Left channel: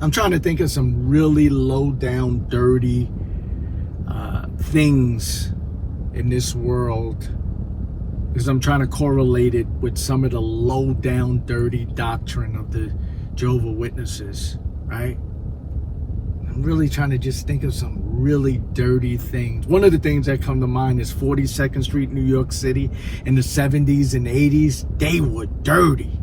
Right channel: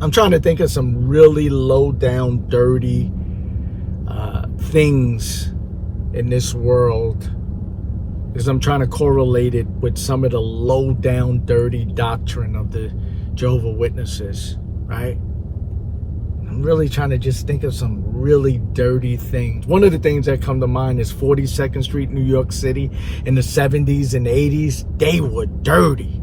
I'm trying to think of some really low down, dirty things in this world, because I'm trying to correlate it with some of the low down, dirty doctrine of the Jehovah's Witnesses, right? I'm really trying to just think of some really dirty things. One of the things that come to mind is 42nd Street, New York City in the 70s and 80s. They were dirty.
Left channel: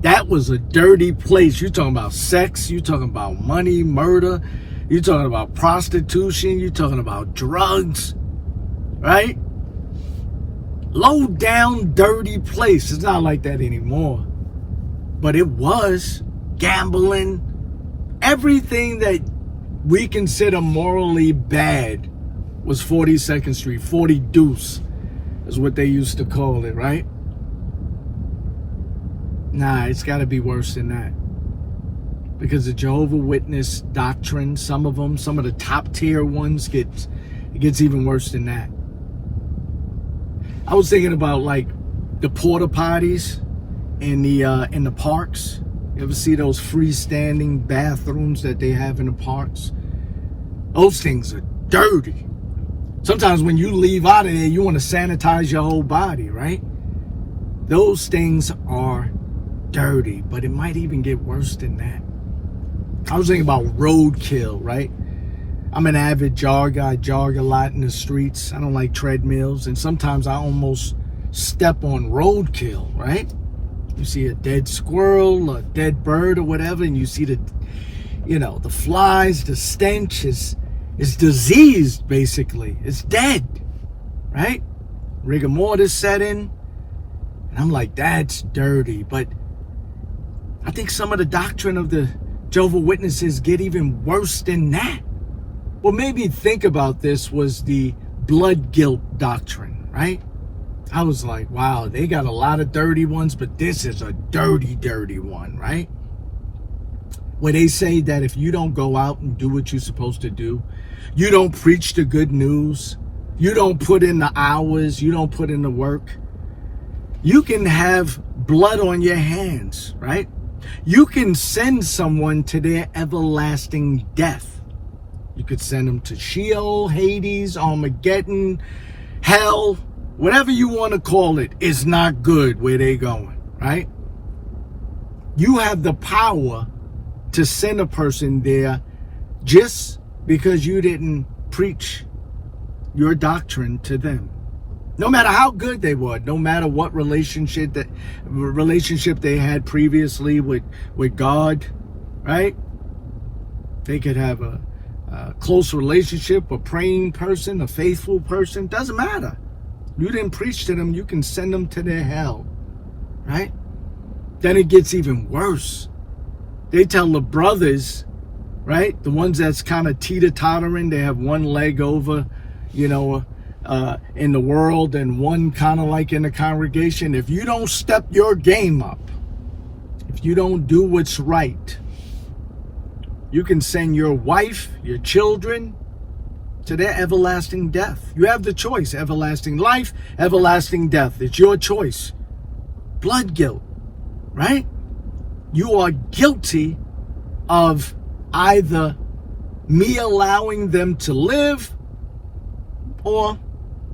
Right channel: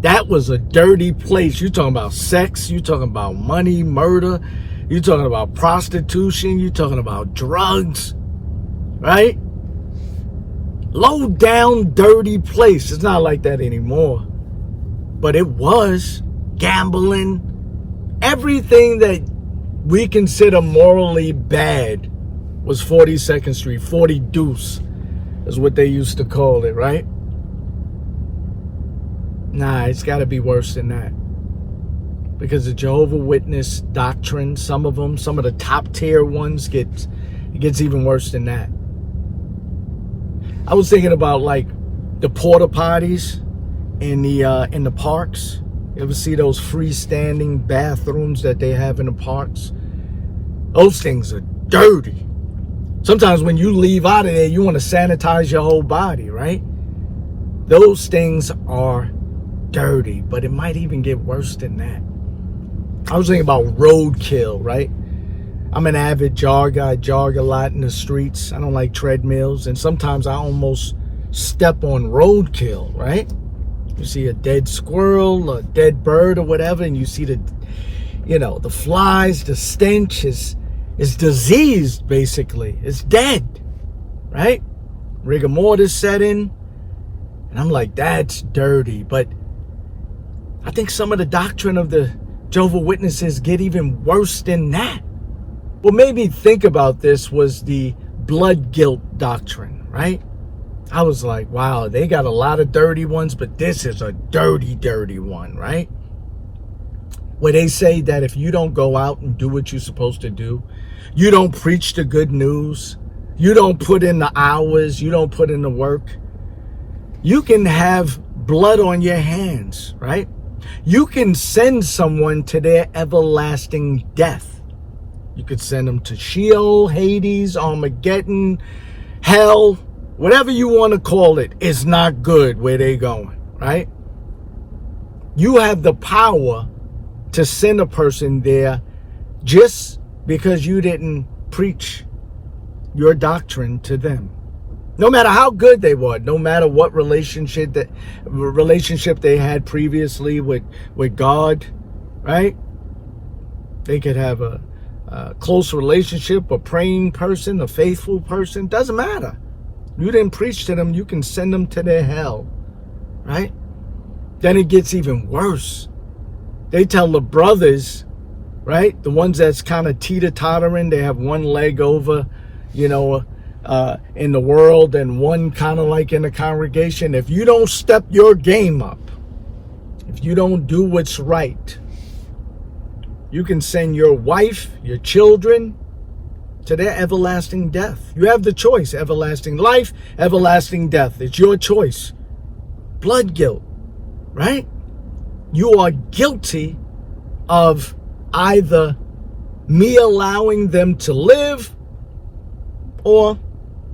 That was a dirty place. You're talking about sex. You're talking about money, murder. You're talking about prostitution. You're talking about drugs, right? Low down, dirty place. It's not like that anymore. But it was. Gambling. Everything that we consider morally bad was 42nd Street. 40 Deuce is what they used to call it, right? Nah, it's got to be worse than that. Because the Jehovah's Witness doctrine, some of them, some of the top tier ones, gets even worse than that. I was thinking about like the porta potties in the parks. You ever see those freestanding bathrooms that they have in the parks? Those things are dirty. Sometimes when you leave out of there, you want to sanitize your whole body, right? Those things are dirty, but it might even get worse than that. I was thinking about roadkill, right? I'm an avid jogger. I jog a lot in the streets. I don't like treadmills, and sometimes I almost step on roadkill, right? You see a dead squirrel, a dead bird or whatever, and you see the flies, the stench is diseased, basically. It's dead, right? Rigor mortis set in, and I'm like, that's dirty. But I think some of the doctrine of the Jehovah's Witnesses get even worse than that. What made me think about this was the blood guilt doctrine, right? I was like, wow, they got a lot of dirty ones, but this is a dirty, dirty one, right? Where they say that if you don't go out and do what you're supposed to do, you don't preach the good news, you don't put in the hours, you don't put in the work, you can have blood on your hands, right? You can send someone to their everlasting death. You could send them to Sheol, Hades, Armageddon, hell, whatever you want to call it. Is not good where they going, right? You have the power to send a person there just because you didn't preach your doctrine to them. No matter how good they were, no matter what relationship they had previously with God, right? They could have a close relationship, a praying person, a faithful person. Doesn't matter. You didn't preach to them, you can send them to their hell, right? Then it gets even worse. They tell the brothers, right? The ones that's kind of teeter-tottering, they have one leg over, in the world and one kind of like in the congregation. If you don't step your game up, if you don't do what's right, you can send your wife, your children to their everlasting death. You have the choice, everlasting life, everlasting death. It's your choice. Blood guilt, right? You are guilty of either me allowing them to live or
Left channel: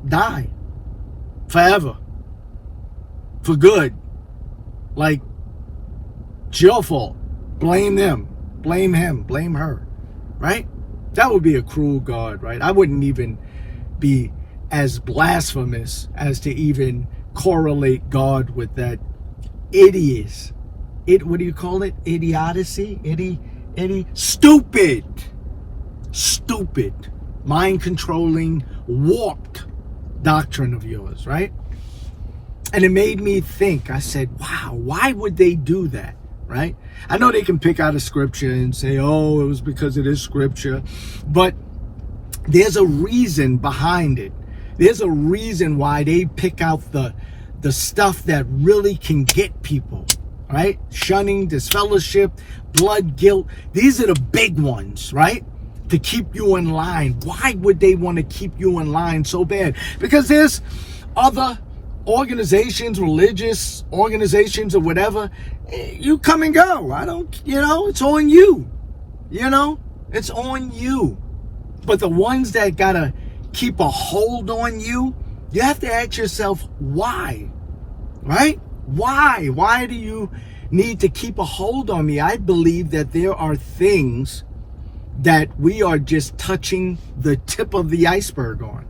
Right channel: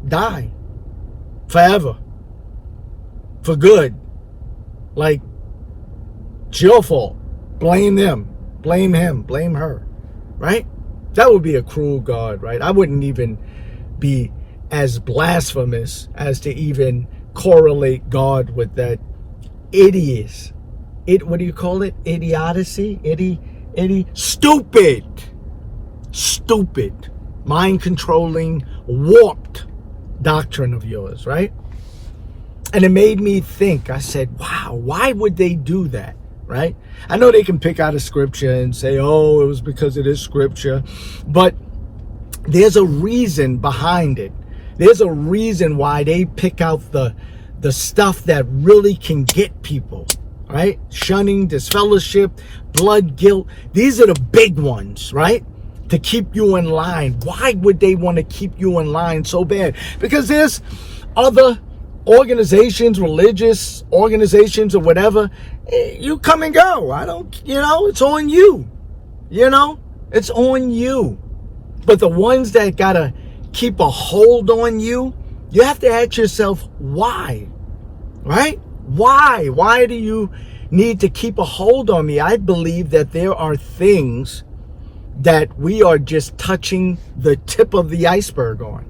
die forever for good. Like, it's your fault. Blame them, blame him, blame her, right? That would be a cruel God, right? I wouldn't even be as blasphemous as to even correlate God with that what do you call it? Idiocy? Stupid, mind-controlling, warped doctrine of yours, right? And it made me think. I said, wow, why would they do that, right? I know they can pick out a scripture and say, oh, it was because of this scripture, but there's a reason behind it. There's a reason why they pick out the stuff that really can get people, right? Shunning, disfellowship, blood guilt. These are the big ones, right? To keep you in line. Why would they want to keep you in line so bad? Because there's other organizations, religious organizations or whatever. You come and go. It's on you. You know, it's on you. But the ones that gotta keep a hold on you, you have to ask yourself why, right? Why? Why do you need to keep a hold on me? I believe that there are things that we are just touching the tip of the iceberg on.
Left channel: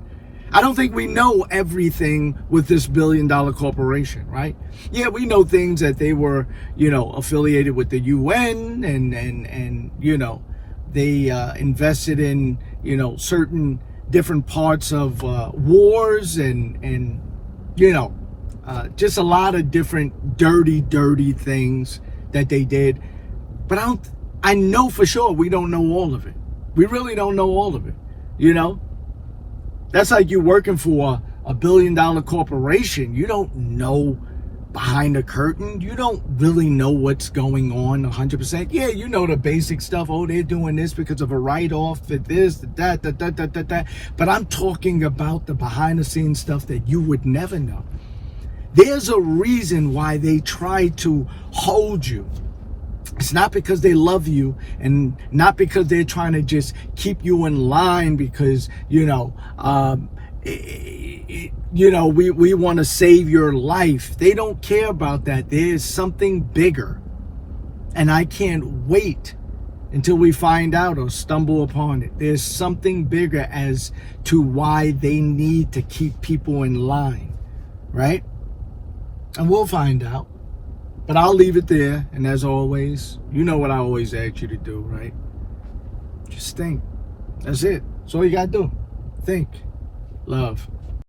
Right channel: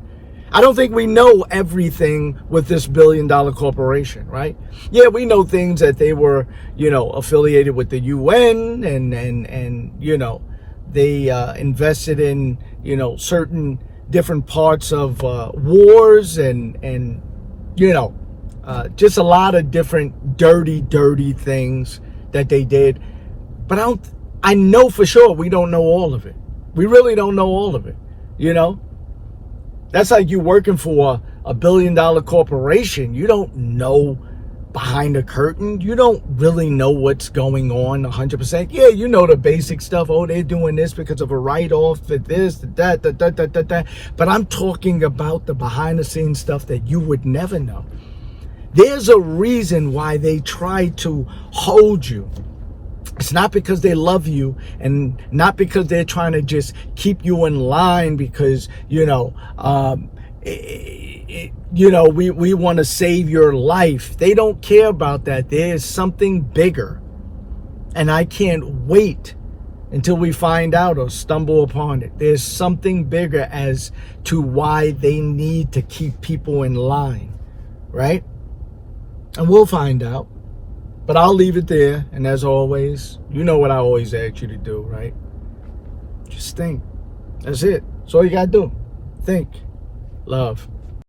I don't think we know everything with this billion-dollar corporation, right? Yeah, we know things that they were, affiliated with the UN and they invested in, certain different parts of wars and just a lot of different dirty things that they did. But I know for sure we don't know all of it. We really don't know all of it, That's like you working for a billion-dollar corporation. You don't know behind the curtain. You don't really know what's going on 100%. Yeah, you know the basic stuff. Oh, they're doing this because of a write-off, that this, that. But I'm talking about the behind-the-scenes stuff that you would never know. There's a reason why they try to hold you. It's not because they love you and not because they're trying to just keep you in line because, we want to save your life. They don't care about that. There's something bigger. And I can't wait until we find out or stumble upon it. There's something bigger as to why they need to keep people in line, right? And we'll find out. But I'll leave it there. And as always, you know what I always ask you to do, right? Just think. That's it. That's all you got to do. Think. Love.